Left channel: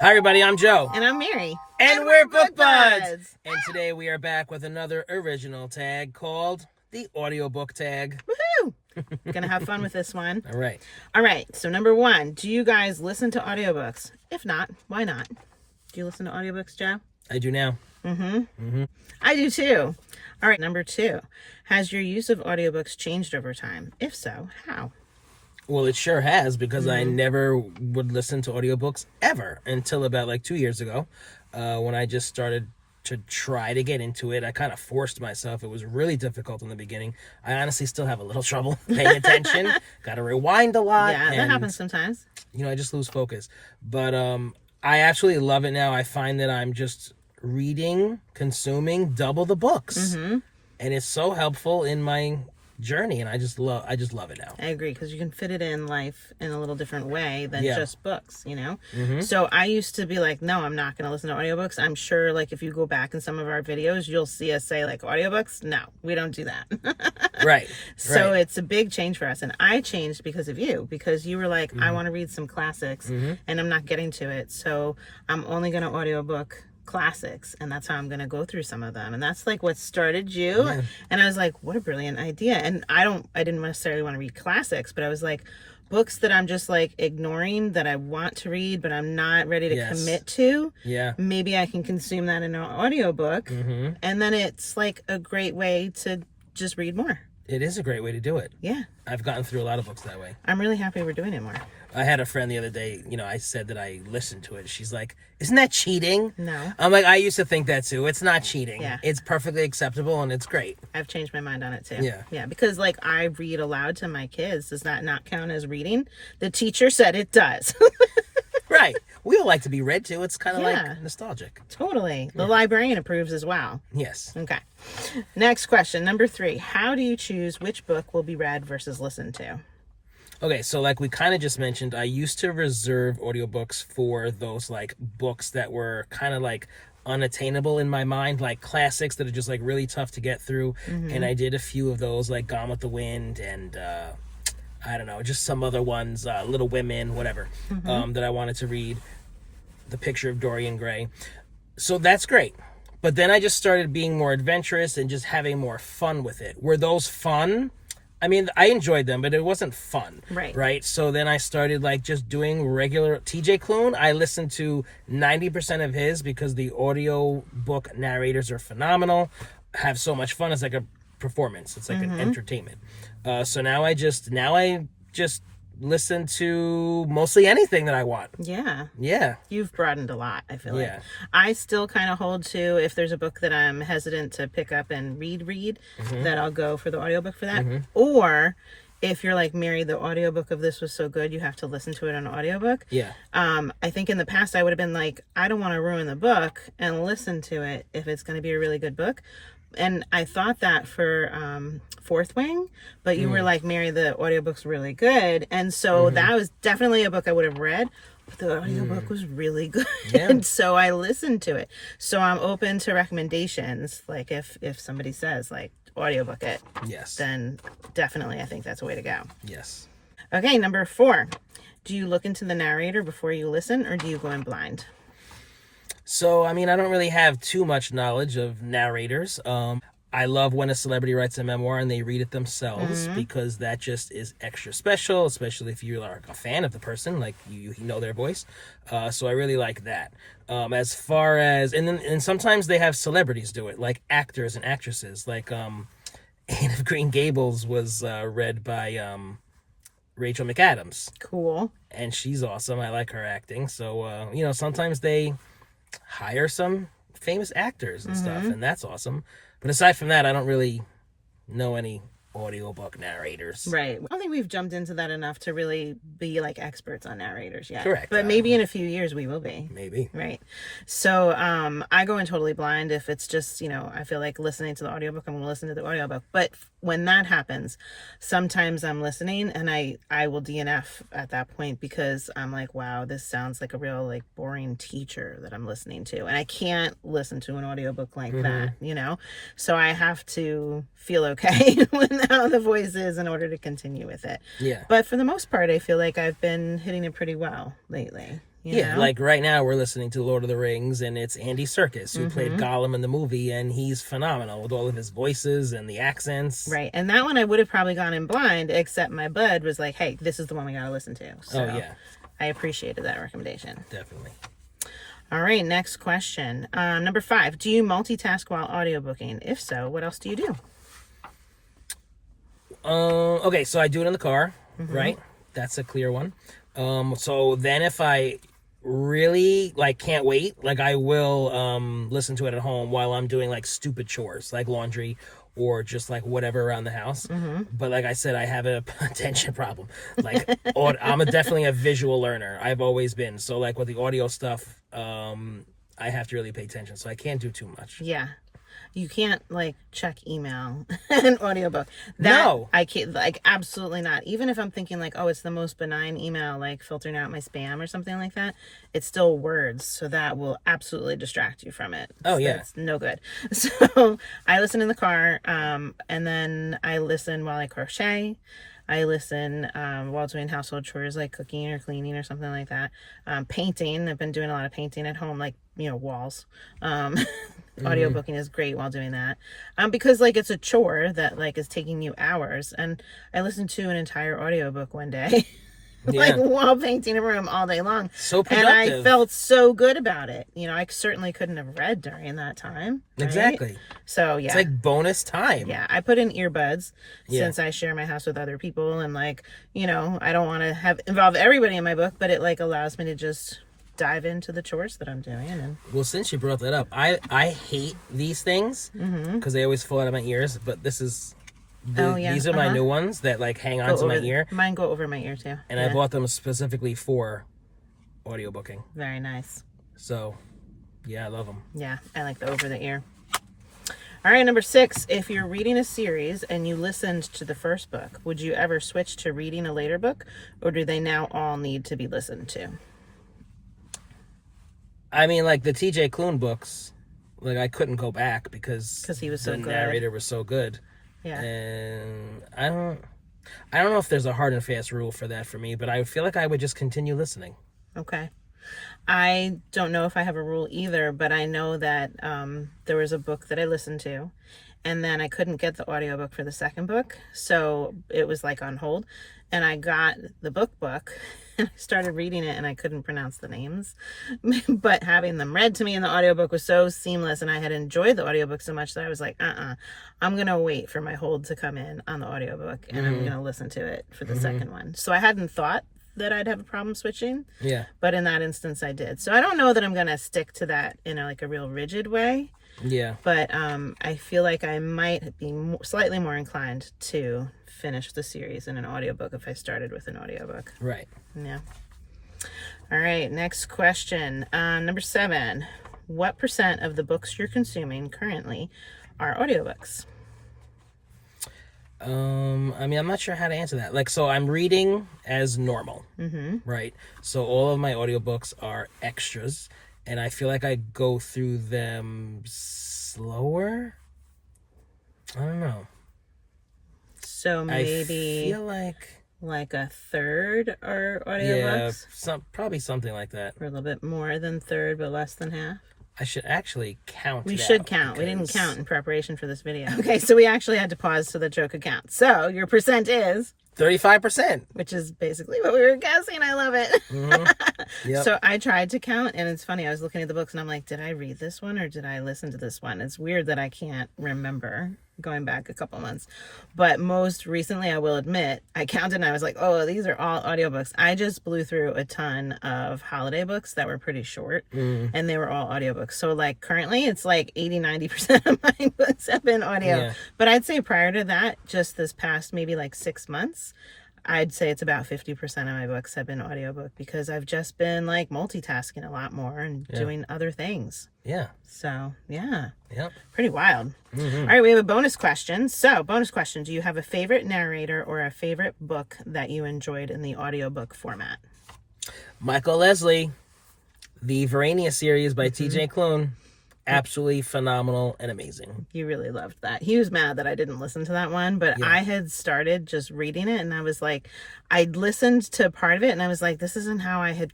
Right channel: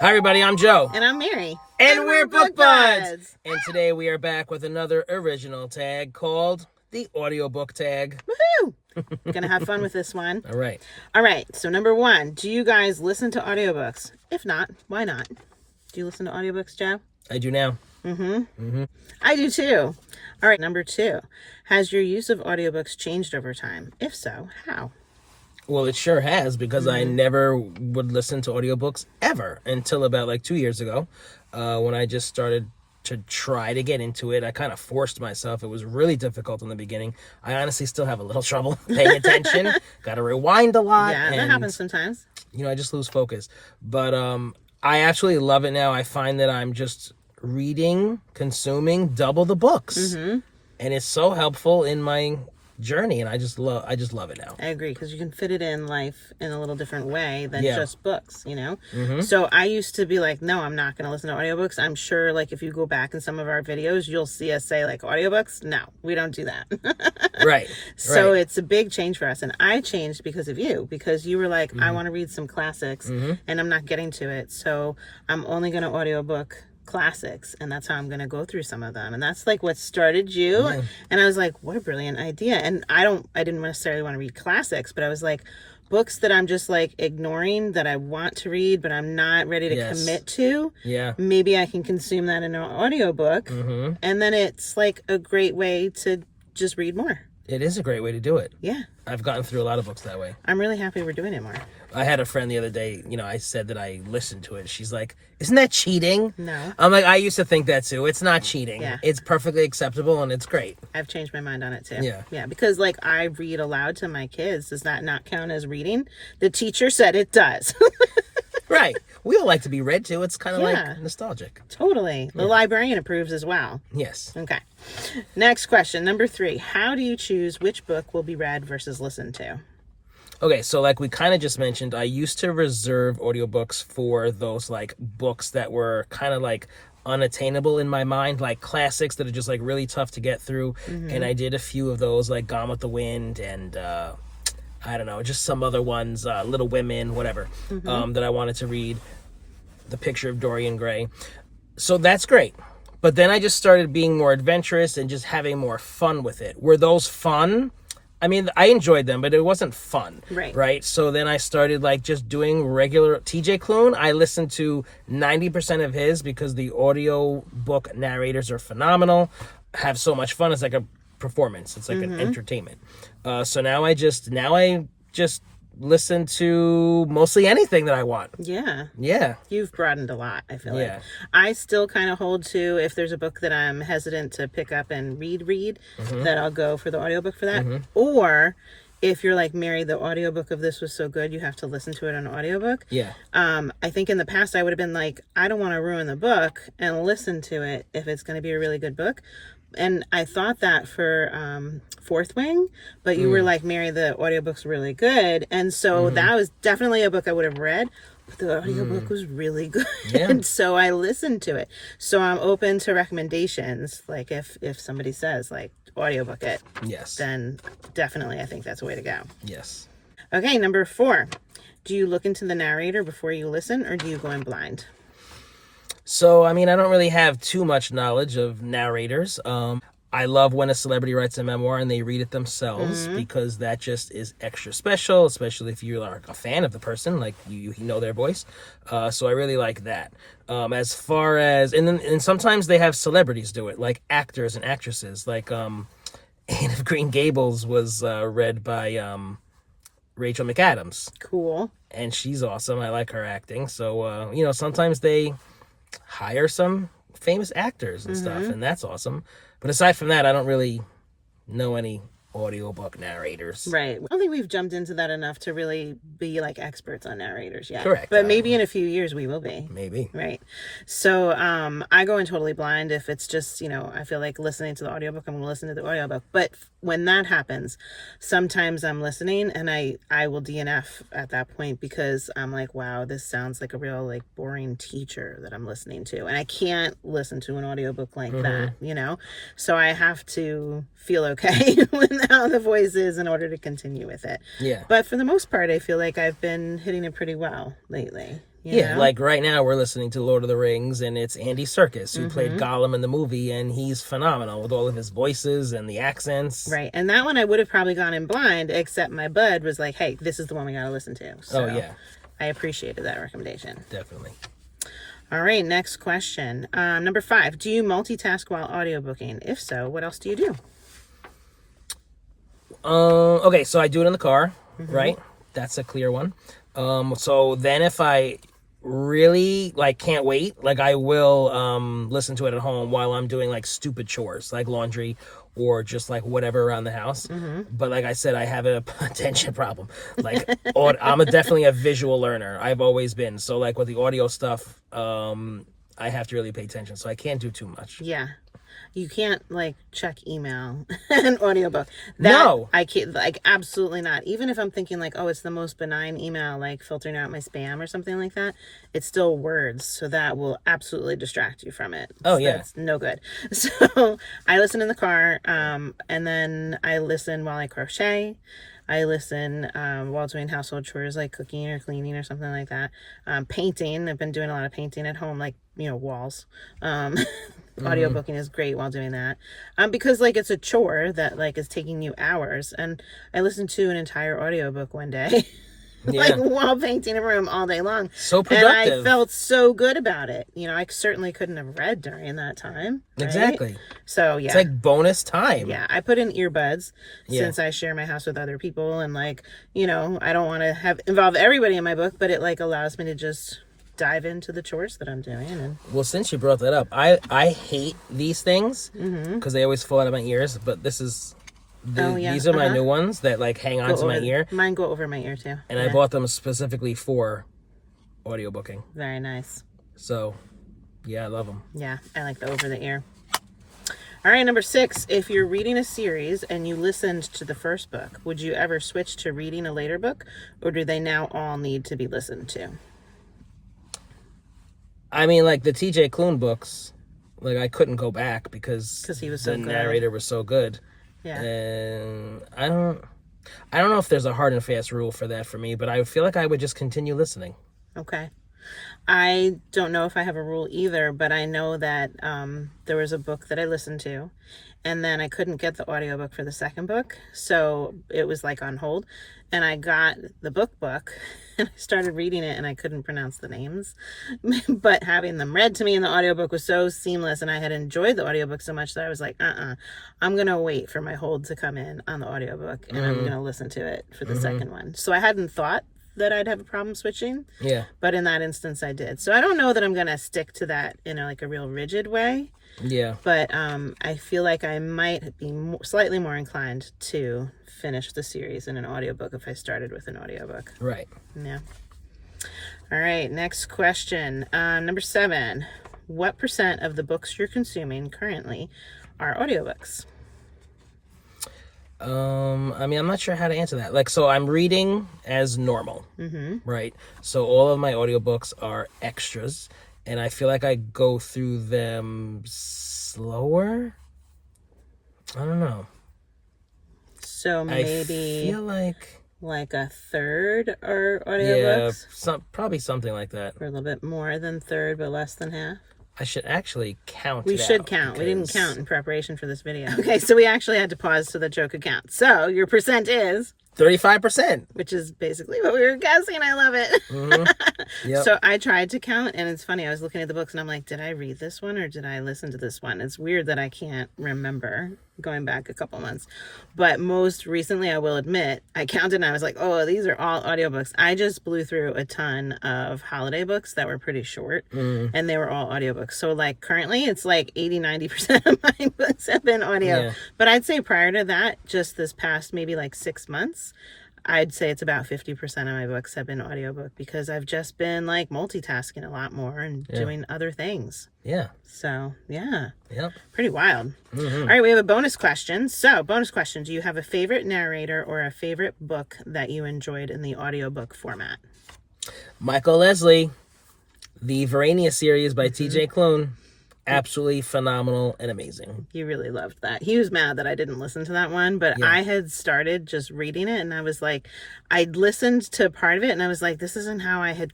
Hi everybody, I'm Joe. And I'm Mary. And we're Book Buds. And today we are back with another original tag called the Audiobook tag. Woohoo! Gonna have fun with this one. All right. All right, so number one, do you guys listen to audiobooks? If not, why not? Do you listen to audiobooks, Joe? I do now. I do too. All right, number two, has your use of audiobooks changed over time? If so, how? Well, it sure has, because I never would listen to audiobooks ever until about like 2 years ago, when I just started to try to get into it. I kind of forced myself. It was really difficult in the beginning. I honestly still have a little trouble paying attention. Got to rewind a lot. Yeah, that happens sometimes. I just lose focus. But I absolutely love it now. I find that I'm just reading, consuming double the books. And it's so helpful in my journey, and I just love it now. I agree, because you can fit it in life in a little different way than just books, you know? So I used to be like, no, I'm not going to listen to audiobooks. I'm sure, like, if you go back in some of our videos, you'll see us say, like, audiobooks. No, we don't do that. Right. So it's a big change for us. And I changed because of you, because you were like, I want to read some classics, and I'm not getting to it. So I'm only going to audiobook classics, and that's how I'm going to go through some of them, and that's like what started you. And I was like, what a brilliant idea. And I didn't necessarily want to read classics, but I was like, books that I'm just like ignoring, that I want to read but I'm not ready to commit to, maybe I can consume that in an audiobook. And then it's like a great way to just read more. It is a great way to do it. Yeah, I've gotten through a lot of books that way. I'm really happy we're doing it more. I had a friend the other day, I said that I listened to it. She's like, isn't that cheating? No. I'm like, I used to think that too. It's not cheating. Yeah. It's perfectly acceptable, and it's great. I've changed my mind on it too. Yeah. Yeah, because like I read aloud to my kids. Does that not count as reading? The teacher said it does. Right. We all like to be read to. It's kind of like nostalgic. Totally. The librarian approves as well. Yes. Okay. Next question, number 3. How do you choose which book will be read versus listened to? Okay, so like we kind of just mentioned, I used to reserve audiobooks for those like books that were kind of like unattainable in my mind, like classics that are just like really tough to get through. And I did a few of those, like Gone with the Wind and I don't know, just some other ones, Little Women, whatever, that I wanted to read. The Picture of Dorian Gray. So that's great. But then I just started being more adventurous and just having more fun with it. Were those fun? I mean, I enjoyed them, but it wasn't fun. Right? So then I started like just doing regular TJ Klune. I listened to 90% of his because the audiobook narrators are phenomenal. Have so much fun. It's like a performance. It's like an entertainment. So now I just listen to mostly anything that I want. Yeah. You've broadened a lot, I feel like. I still kind of hold to, if there's a book that I'm hesitant to pick up and read, that I'll go for the audiobook for that. Or if you're like, Mary, the audiobook of this was so good, you have to listen to it on audiobook. I think in the past I would have been like, I don't want to ruin the book and listen to it if it's going to be a really good book. And I thought that for Fourth Wing, but you were like, Mary, the audiobook's really good. And so that was definitely a book I would have read, but the audiobook was really good. And so I listened to it. So I'm open to recommendations. Like if somebody says like audiobook it, then definitely I think that's a way to go. Okay, number 4. Do you look into the narrator before you listen, or do you go in blind? So, I mean, I don't really have too much knowledge of narrators. I love when a celebrity writes a memoir and they read it themselves, because that just is extra special, especially if you're like a fan of the person, like you know their voice. So I really like that. As far as, and sometimes they have celebrities do it, like actors and actresses. Like Anne of Green Gables was read by Rachel McAdams. Cool. And she's awesome. I like her acting. So, sometimes they hire some famous actors and stuff, and that's awesome. But aside from that, I don't really know any audiobook narrators. Right. I don't think we've jumped into that enough to really be like experts on narrators yet. Correct. But maybe in a few years we will be. Maybe. Right. So I go in totally blind if it's just, I feel like listening to the audiobook, I'm going to listen to the audiobook. But when that happens, sometimes I'm listening and I will DNF at that point, because I'm like, wow, this sounds like a real like boring teacher that I'm listening to. And I can't listen to an audiobook like that, So I have to feel okay with how the voice is in order to continue with it. Yeah. But for the most part, I feel like I've been hitting it pretty well lately. You know? like right now we're listening to Lord of the Rings, and it's Andy Serkis who played Gollum in the movie, and he's phenomenal with all of his voices and the accents. Right. And that one I would have probably gone in blind, except my bud was like, hey, this is the one we got to listen to. So I appreciated that recommendation. Definitely. All right, next question. Number 5, do you multitask while audiobooking? If so, what else do you do? Okay, so I do it in the car, right? That's a clear one. So then if I really like can't wait, like I will listen to it at home while I'm doing like stupid chores like laundry or just like whatever around the house. But like I said, I have a attention problem. Like I'm definitely a visual learner. I've always been. So like with the audio stuff, I have to really pay attention. So I can't do too much. Yeah. You can't like check email and audiobook. No. I can't, like, absolutely not. Even if I'm thinking like, oh, it's the most benign email, like filtering out my spam or something like that, it's still words. So that will absolutely distract you from it. Oh, yeah. It's no good. So I listen in the car, and then I listen while I crochet. I listen while doing household chores like cooking or cleaning or something like that. Painting. I've been doing a lot of painting at home, like, walls. Audiobooking is great while doing that. Because like it's a chore that like is taking you hours. And I listened to an entire audiobook one day. Like while painting a room all day long. So productive. And I felt so good about it. I certainly couldn't have read during that time. Right? Exactly. So yeah. It's like bonus time. Yeah. I put in earbuds since I share my house with other people, and like, I don't want to involve everybody in my book, but it like allows me to just dive into the chores that I'm doing. And well, since you brought that up, I hate these things because they always fall out of my ears, but this is these are my new ones that like hang onto my ear. Mine go over my ear too. And I bought them specifically for audiobooking. Very nice. So, yeah, I love them. Yeah, I like the over the ear. All right, number 6. If you're reading a series and you listened to the first book, would you ever switch to reading a later book, or do they now all need to be listened to? I mean, like the TJ Klune books, like I couldn't go back because he was so good. The narrator was so good. Yeah. And I don't know if there's a hard and fast rule for that for me, but I feel like I would just continue listening. Okay. I don't know if I have a rule either, but I know that there was a book that I listened to, and then I couldn't get the audiobook for the second book, so it was like on hold, and I got the book and I started reading it, and I couldn't pronounce the names, but having them read to me in the audiobook was so seamless, and I had enjoyed the audiobook so much that I was like, I'm gonna wait for my hold to come in on the audiobook, and I'm gonna listen to it for the second one. So I hadn't thought that I'd have a problem switching, but in that instance I did. So I don't know that I'm gonna stick to that in a real rigid way, but I feel like I might be slightly more inclined to finish the series in an audiobook if I started with an audiobook. Right. Yeah. All right, next question. Number 7. What % of the books you're consuming currently are audiobooks? I mean, I'm not sure how to answer that. Like, so I'm reading as normal, right? So all of my audiobooks are extras, and I feel like I go through them slower. I don't know. So maybe I feel like a third are audiobooks? Yeah, probably something like that. Or a little bit more than third, but less than half? I should actually count. We should count. We didn't count in preparation for this video. Okay, so we actually had to pause so that Joe could count. So your percent is 35%, which is basically what we were guessing. I love it. Yep. So I tried to count, and it's funny. I was looking at the books, and I'm like, did I read this one or did I listen to this one? It's weird that I can't remember going back a couple months. But most recently, I will admit, I counted and I was like, oh, these are all audiobooks. I just blew through a ton of holiday books that were pretty short, and they were all audiobooks. So like currently, it's like 80-90% of my books have been audio. Yeah. But I'd say prior to that, just this past maybe like 6 months, I'd say it's about 50% of my books have been audiobook because I've just been like multitasking a lot more and doing other things. Yeah. So, yeah. Yep. Pretty wild. All right, we have a bonus question. So, bonus question. Do you have a favorite narrator or a favorite book that you enjoyed in the audiobook format? Michael Leslie, the Verania series by TJ Klune. absolutely phenomenal and amazing. He really loved that. He was mad that I didn't listen to that one, but I had started just reading it, and I was like, I'd listened to part of it, and I was like, this isn't how I had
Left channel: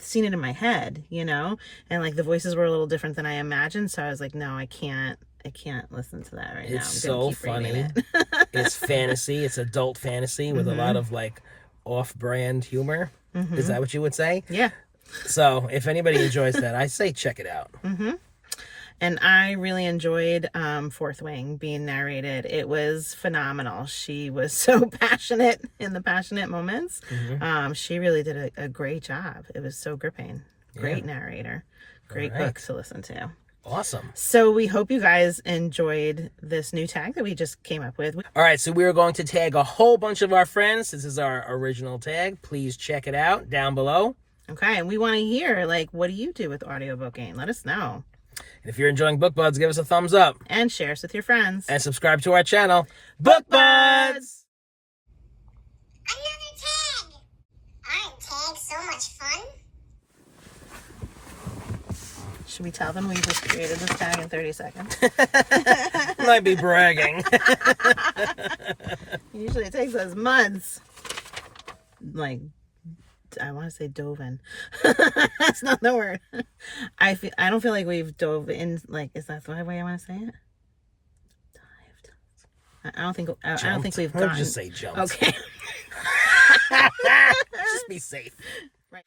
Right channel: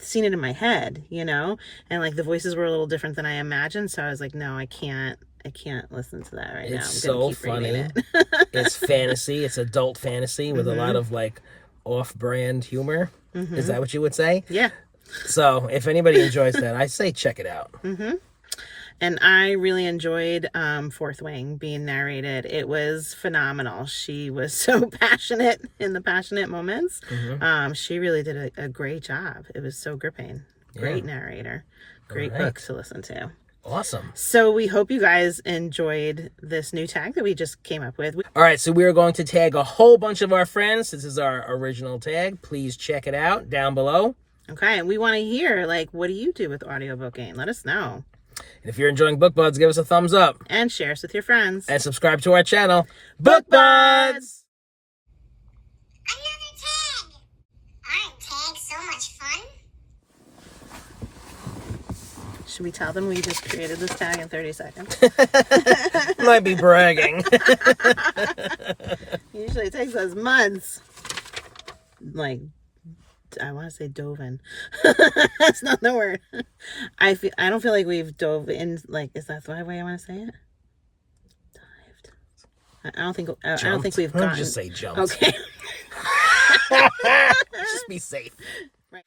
seen it in my head, you know? And like the voices were a little different than I imagined, so I was like, no, I can't listen to that right now. It's I'm gonna so keep funny. reading it. It's fantasy. It's adult fantasy with a lot of like off-brand humor. Is that what you would say? Yeah. So if anybody enjoys that, I say check it out. And I really enjoyed Fourth Wing being narrated. It was phenomenal. She was so passionate in the passionate moments. She really did a great job. It was so gripping. Great narrator. Great book to listen to. Awesome. So we hope you guys enjoyed this new tag that we just came up with. All right, so we're going to tag a whole bunch of our friends. This is our original tag. Please check it out down below. Okay, and we want to hear, like, what do you do with audiobooking? Let us know. And if you're enjoying Book Buds, give us a thumbs up. And share us with your friends. And subscribe to our channel, Book Buds! Another tag! Aren't tags so much fun? Should we tell them we just created this tag in 30 seconds? Might be bragging. Usually it takes us months. Like, I want to say dove in. That's not the word. I don't feel like we've dove in. Like, is that the way I want to say it? Dived. I don't think we've gotten. Just say jumped. Okay. Just be safe. Right.